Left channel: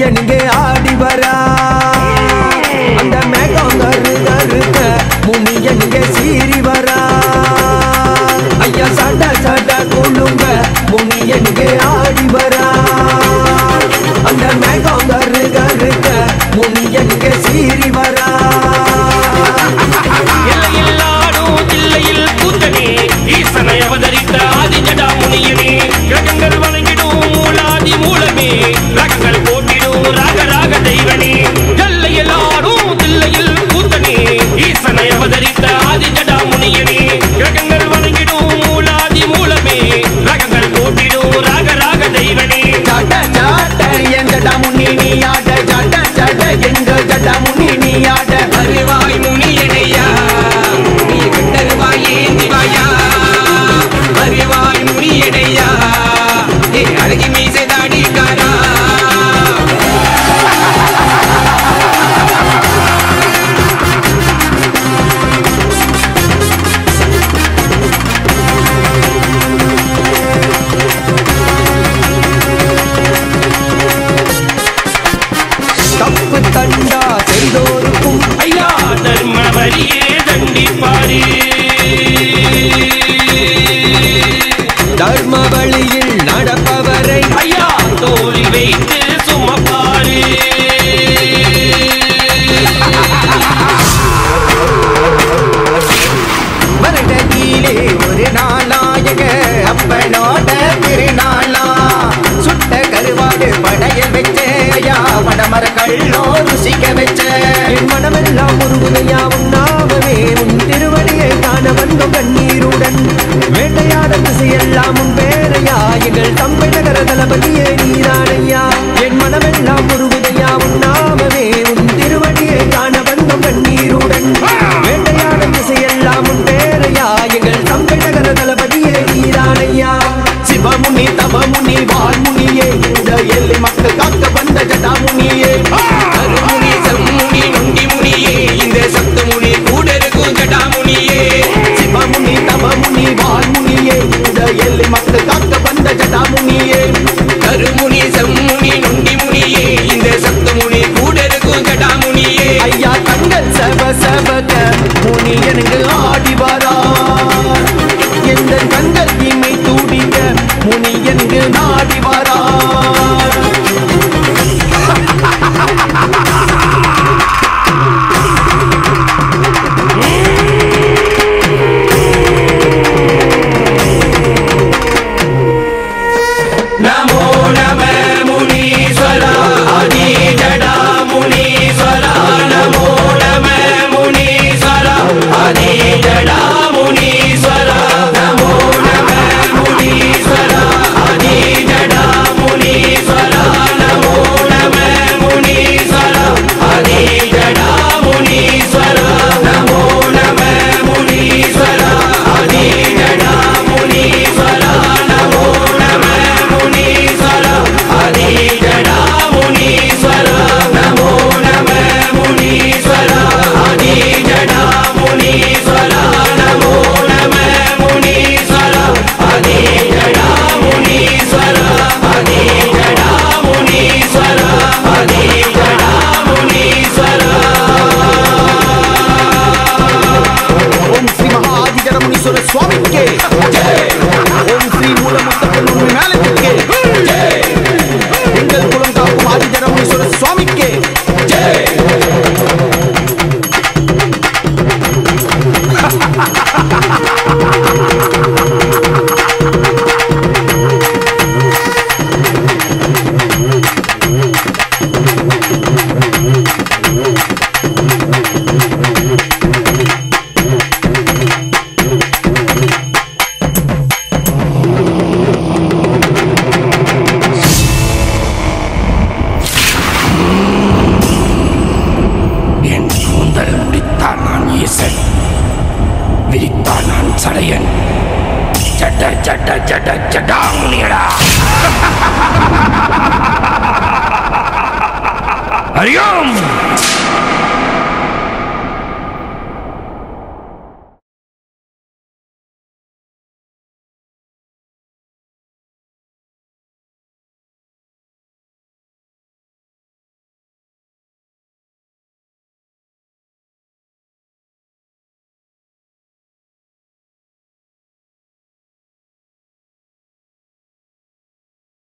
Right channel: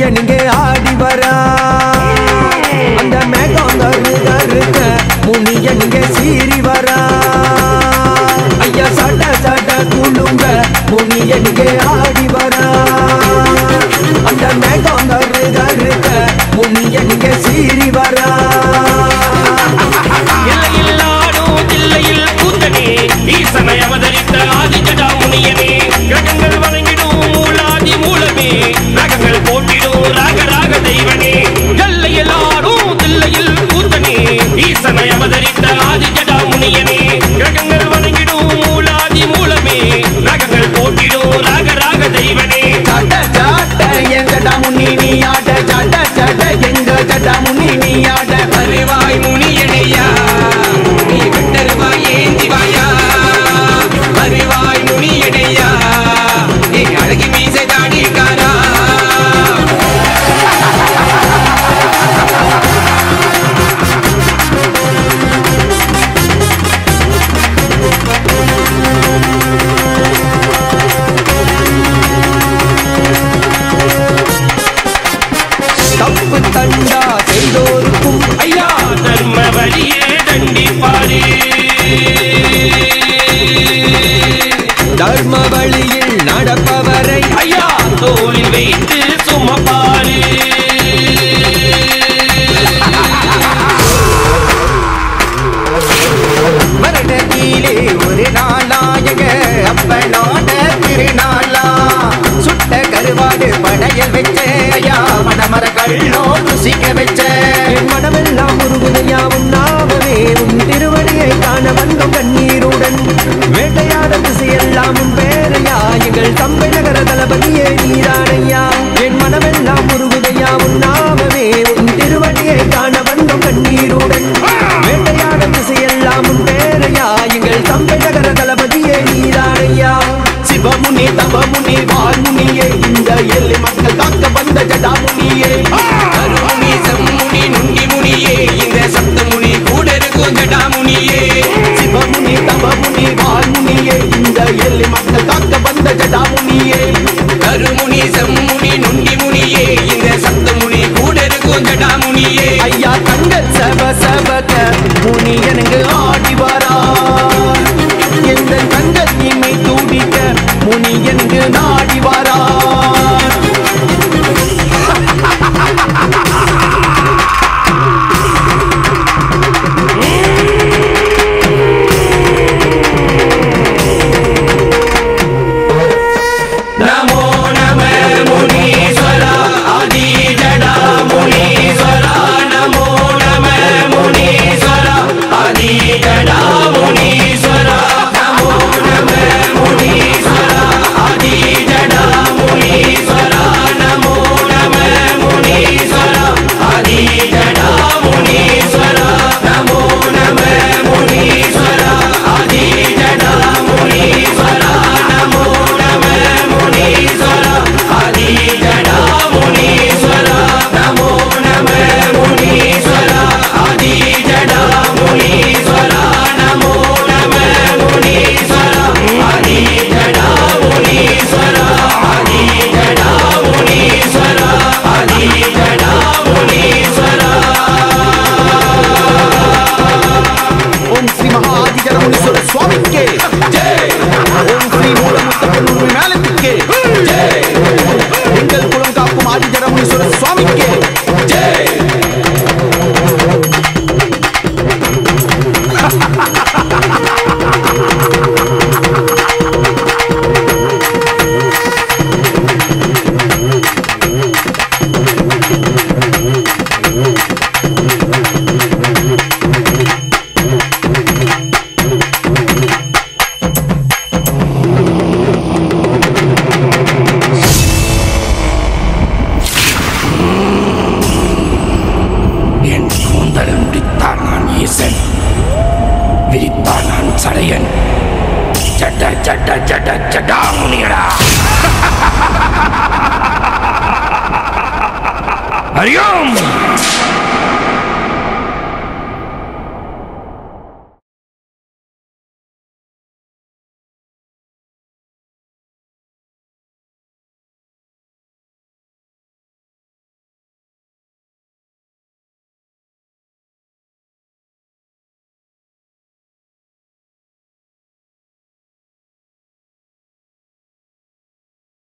முனியன் இங்கே ஆடி வரா அந்த மேகம் கருக்க முனியன் இங்கே சீறி வரா ஐயா சட சட குழுங்க முனியன் இங்கே ஆடி வரா அந்த மேகம் கருக்க முனியன் இங்கே சீறி வரா எல்லையில் ஆடும் தில்லையில் கூத்தனே ஈசனை அவதரித்த ஆதி ஜடா முனியனே கிரகங்கள் வணங்கிடும் மூலாதி மூலமே ரகங்கள் போட்டிடும் ராக ராக தெய்வனே எல்லையில் ஆடும் தில்லையில் கூத்தனே ஈசனை அவதரித்த ஆதி ஜடா முனியனே கிரகங்கள் வணங்கிடும் மூலாதி மூலமே ரகங்கள் போட்டிடும் ராக ராக தெய்வனே ஜட ஜட என் ஜடா முனி நீ ஆட ஜட ஜட எங்க ஜடா முனி நீ ஆட அறிவாய் முனியனையா நீ கட்டருவாய் ஏந்திவாயா அறிவாய் முனியனையா நீ அழகி மீசை தாடிக்காரா தப்பு தண்டா செய்தோருக்கும் ஐயா தர்ம வழியே தண்டிப்பாரு தர்ம வழியில் நடப்பவரை ஐயா தோளில் வைத்து சுமப்பாரு வருடத்திலே ஒரு நாளாயக அப்பனோட திருநாளா சுட்ட கருவாடு படையல் வச்ச ஐயா மணமர கள்ளோ ருசிக்க வச்ச என் மனமெல்லாம் முருகுதையா உன்னாமவே உன் திருவடியை காண வந்தோம் கண்ணீருடன் வேட்டையாட திசையெல்லாம் உன் பேரையா எங்கள் தம்பை நகர தளபதியே நீதானையா என் மனமெல்லாம் முருகுதையா உன்னாமவே உன் திருவடியை காண வந்தோம் கண்ணீருடன் வேட்டையாட திசையெல்லாம் உன் பேரையா எங்கள் தம்பை நகர தளபதியே நீதானையா சிவமுனி தவமுனி வால்முனியே இந்த எல்லை மக்கள் காக்க வந்த ஜடாமுனியே அருமுனி செம்முனி நுண்டி முனியே இந்த சப்த முனி கூட இருக்கும் ஜடாமுனியே சிவமுனி தவமுனி வால்முனியே இந்த எல்லை மக்கள் காக்க வந்த ஜடாமுனியே அருமுனி செம்முனி நுண்டி முனியே இந்த சப்த முனி கூட இருக்கும் ஜடாமுனியே ஐயா கண்கள் செவ செவக்க முனி எனக்கு ஆடி வரா எந்த கண்கள் இமை துடிக்க முனி எனக்கு நாடி வரா நமோ நம முனீஸ்வரா ஆதி ஜடா முனீஸ்வரா நமோ நம முனீஸ்வரா ஆதி ஜடா முனீஸ்வரா நமோ நம முனீஸ்வரா ஆதி ஜடா முனீஸ்வரா நமோ நம முனீஸ்வரா ஆதி ஜடா முனீஸ்வரா நமோ நம முனீஸ்வரா ஆதி ஜடா முனீஸ்வரா நமோ நம முனீஸ்வரா ஆதி ஜடா முனீஸ்வரா நமோ நம முனீஸ்வரா ஆதி ஜடா முனீஸ்வரா நமோ நம முனீஸ்வரா ஆதி ஜடா முனீஸ்வரா ஆதி ஜடா முனீஸ்வரா ஆதி ஜடா முனீஸ்வரா ஓம் ஸ்ரீ மகாதி ஜடமுனீஸ்வர சுவாமிக்கே ஜெய் ஓம் ஸ்ரீ மூலமுத்தப்பன் உண்மை மேலத்துக்கே ஜெய் எங்கள் குலம் காக்கும் ஆதி ஜடமுனீஸ்வர சுவாமிக்கே ஜெய் என் கூந்தல் முடித்தான் நான் ஈசன் விரித்தான் நான் சடையன் ஜட ஜட ஜட ஜடா முனியடா ஹரியோம்